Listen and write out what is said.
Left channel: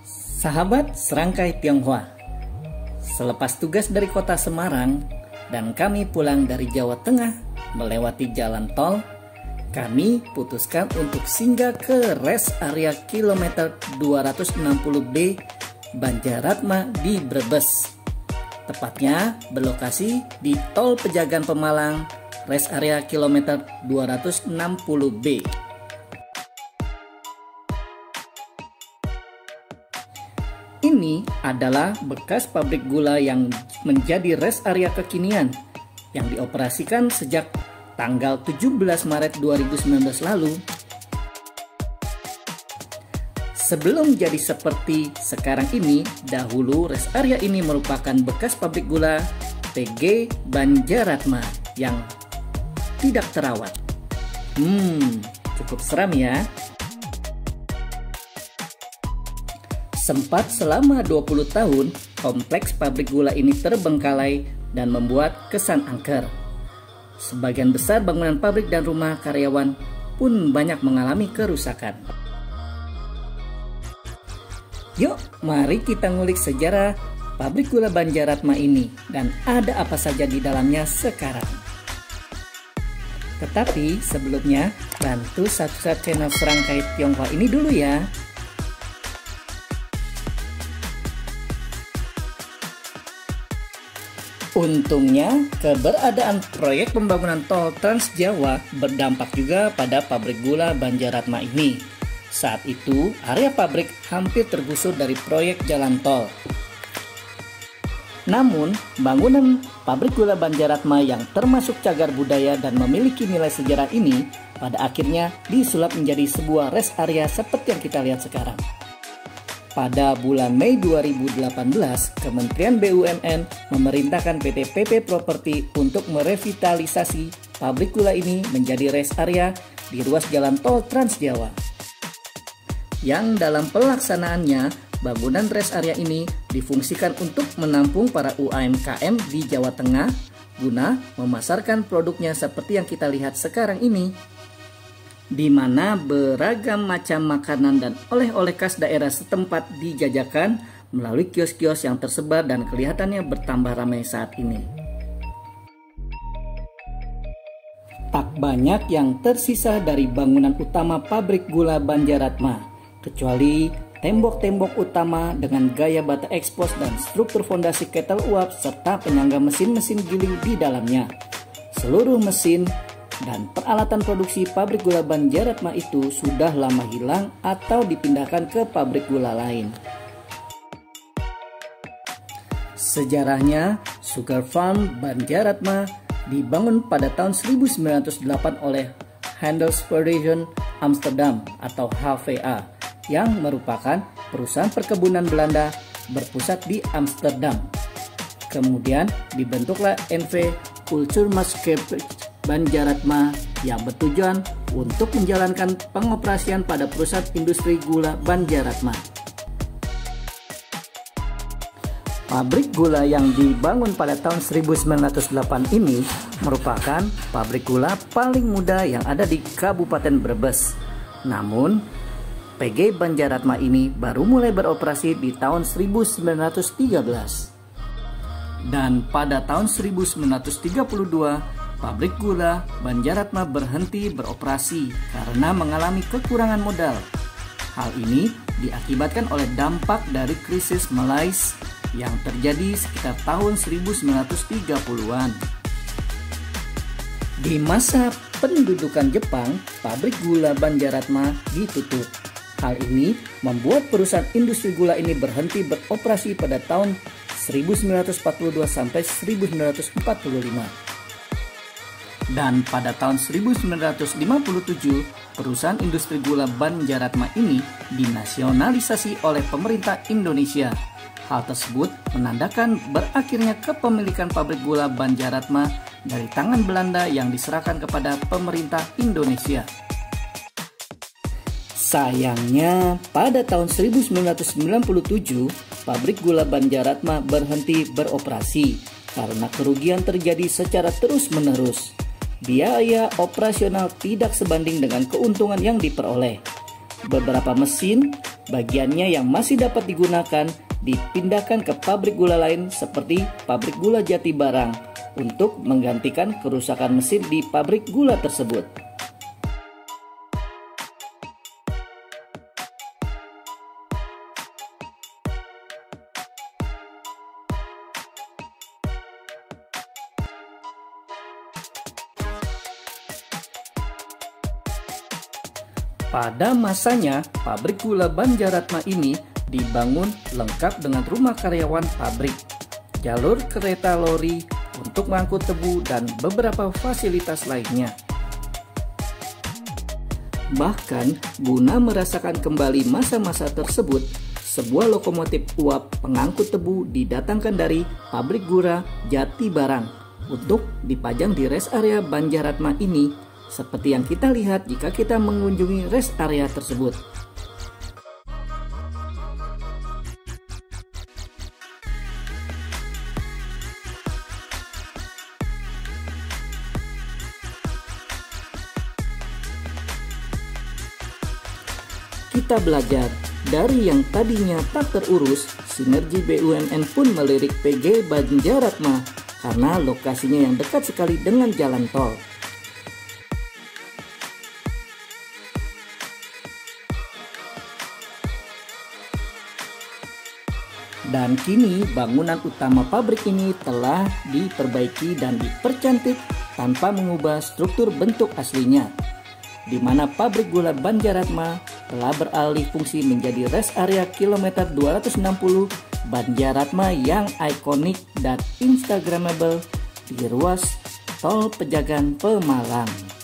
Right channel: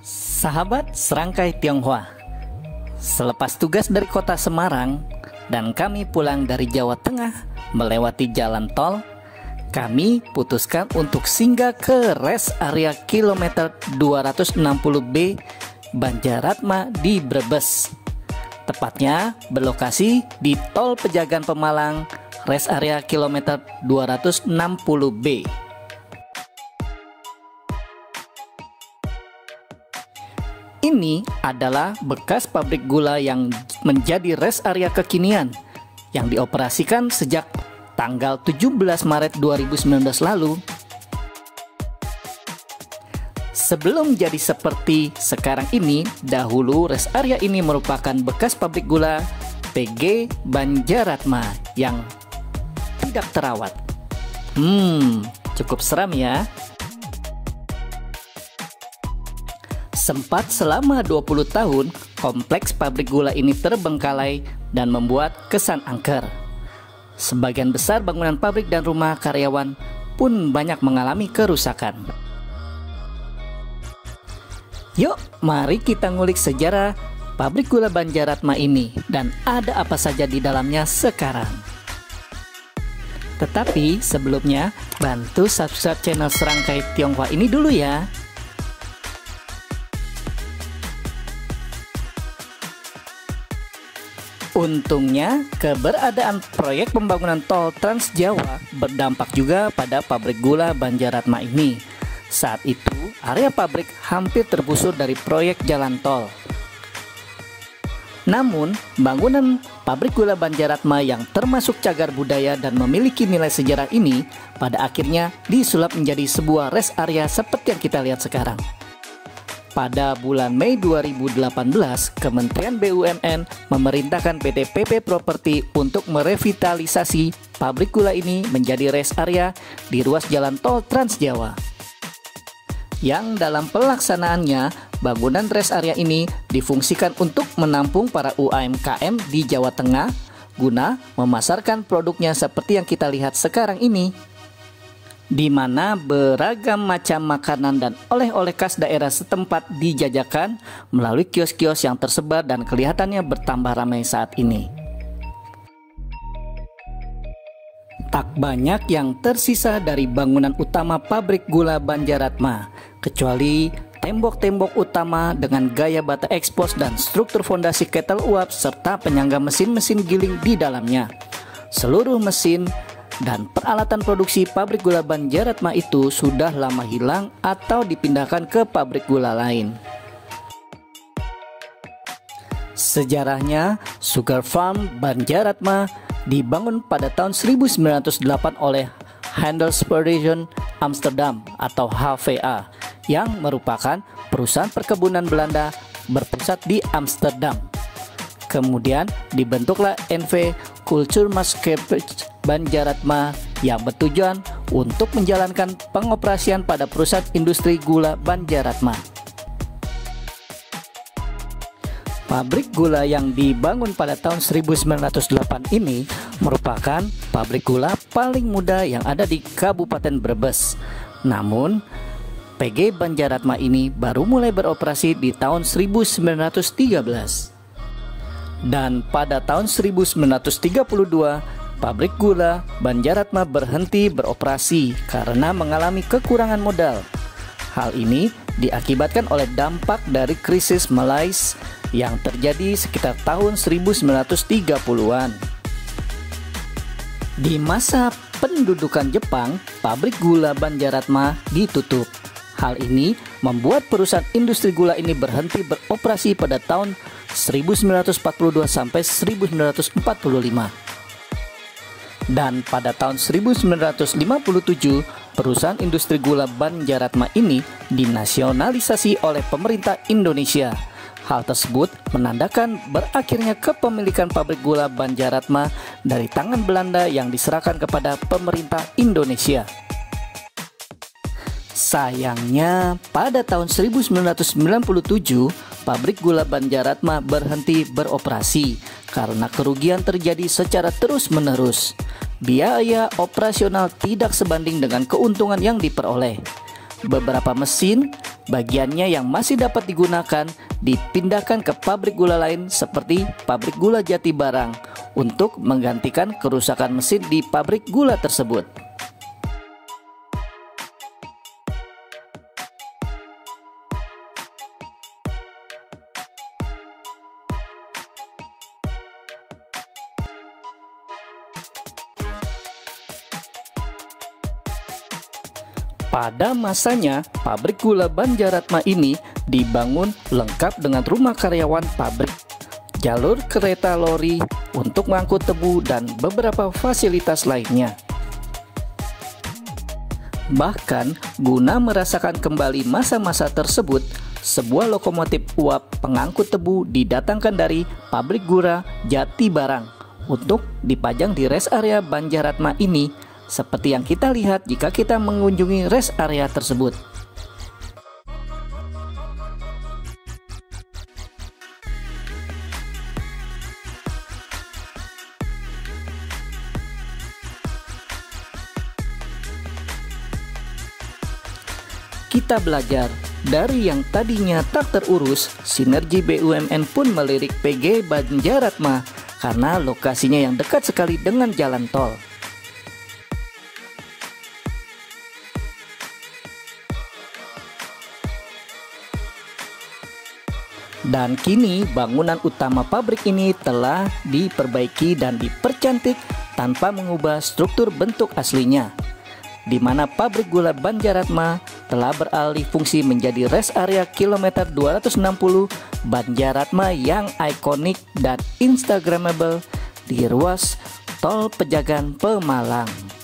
Sahabat Serangkai Tionghoa, selepas tugas dari kota Semarang dan kami pulang dari Jawa Tengah melewati jalan tol, kami putuskan untuk singgah ke rest area kilometer 260B Banjaratma di Brebes. Tepatnya berlokasi di Tol Pejagan Pemalang, rest area kilometer 260B. Ini adalah bekas pabrik gula yang menjadi rest area kekinian yang dioperasikan sejak tanggal 17 Maret 2019 lalu. Sebelum jadi seperti sekarang ini, dahulu rest area ini merupakan bekas pabrik gula PG Banjaratma yang tidak terawat. Cukup seram ya. Sempat selama 20 tahun, kompleks pabrik gula ini terbengkalai dan membuat kesan angker. Sebagian besar bangunan pabrik dan rumah karyawan pun banyak mengalami kerusakan. Yuk, mari kita ngulik sejarah pabrik gula Banjaratma ini dan ada apa saja di dalamnya sekarang. Tetapi sebelumnya, bantu subscribe channel Serangkai Tionghoa ini dulu ya. Untungnya, keberadaan proyek pembangunan tol Trans Jawa berdampak juga pada pabrik gula Banjaratma ini. Saat itu, area pabrik hampir tergusur dari proyek jalan tol. Namun, bangunan pabrik gula Banjaratma yang termasuk cagar budaya dan memiliki nilai sejarah ini pada akhirnya disulap menjadi sebuah rest area seperti yang kita lihat sekarang. Pada bulan Mei 2018, Kementerian BUMN memerintahkan PT PP Properti untuk merevitalisasi pabrik gula ini menjadi rest area di ruas jalan tol Trans Jawa. Yang dalam pelaksanaannya, bangunan rest area ini difungsikan untuk menampung para UMKM di Jawa Tengah guna memasarkan produknya seperti yang kita lihat sekarang ini, di mana beragam macam makanan dan oleh-oleh khas daerah setempat dijajakan melalui kios-kios yang tersebar dan kelihatannya bertambah ramai saat ini. Tak banyak yang tersisa dari bangunan utama pabrik gula Banjaratma, kecuali tembok-tembok utama dengan gaya bata ekspos dan struktur fondasi ketel uap serta penyangga mesin-mesin giling di dalamnya. Seluruh mesin dan peralatan produksi pabrik gula Banjaratma itu sudah lama hilang atau dipindahkan ke pabrik gula lain. Sejarahnya, Sugar Farm Banjaratma dibangun pada tahun 1908 oleh Handelsvereniging Amsterdam atau HVA yang merupakan perusahaan perkebunan Belanda berpusat di Amsterdam. Kemudian dibentuklah NV Cultuurmaatschappij Banjaratma yang bertujuan untuk menjalankan pengoperasian pada perusahaan industri gula Banjaratma. Pabrik gula yang dibangun pada tahun 1908 ini merupakan pabrik gula paling muda yang ada di Kabupaten Brebes. Namun, PG Banjaratma ini baru mulai beroperasi di tahun 1913. Dan pada tahun 1932, pabrik gula Banjaratma berhenti beroperasi karena mengalami kekurangan modal. Hal ini diakibatkan oleh dampak dari krisis Malaysia yang terjadi sekitar tahun 1930-an. Di masa pendudukan Jepang, pabrik gula Banjaratma ditutup. Hal ini membuat perusahaan industri gula ini berhenti beroperasi pada tahun 1942 sampai 1945. Dan pada tahun 1957, perusahaan industri gula Banjaratma ini dinasionalisasi oleh pemerintah Indonesia. Hal tersebut menandakan berakhirnya kepemilikan pabrik gula Banjaratma dari tangan Belanda yang diserahkan kepada pemerintah Indonesia. Sayangnya, pada tahun 1997, pabrik gula Banjaratma berhenti beroperasi karena kerugian terjadi secara terus-menerus. Biaya operasional tidak sebanding dengan keuntungan yang diperoleh. Beberapa mesin bagiannya yang masih dapat digunakan dipindahkan ke pabrik gula lain seperti pabrik gula Jati Barang untuk menggantikan kerusakan mesin di pabrik gula tersebut. Pada masanya, pabrik gula Banjaratma ini dibangun lengkap dengan rumah karyawan pabrik, jalur kereta lori untuk mengangkut tebu, dan beberapa fasilitas lainnya. Bahkan, guna merasakan kembali masa-masa tersebut, sebuah lokomotif uap pengangkut tebu didatangkan dari pabrik gula Jati Barang untuk dipajang di rest area Banjaratma ini, seperti yang kita lihat jika kita mengunjungi rest area tersebut. Kita belajar dari yang tadinya tak terurus, sinergi BUMN pun melirik PG Banjaratma karena lokasinya yang dekat sekali dengan jalan tol. Dan kini bangunan utama pabrik ini telah diperbaiki dan dipercantik tanpa mengubah struktur bentuk aslinya, di mana pabrik gula Banjaratma telah beralih fungsi menjadi rest area kilometer 260 Banjaratma yang ikonik dan instagramable di ruas tol Pejagan Pemalang.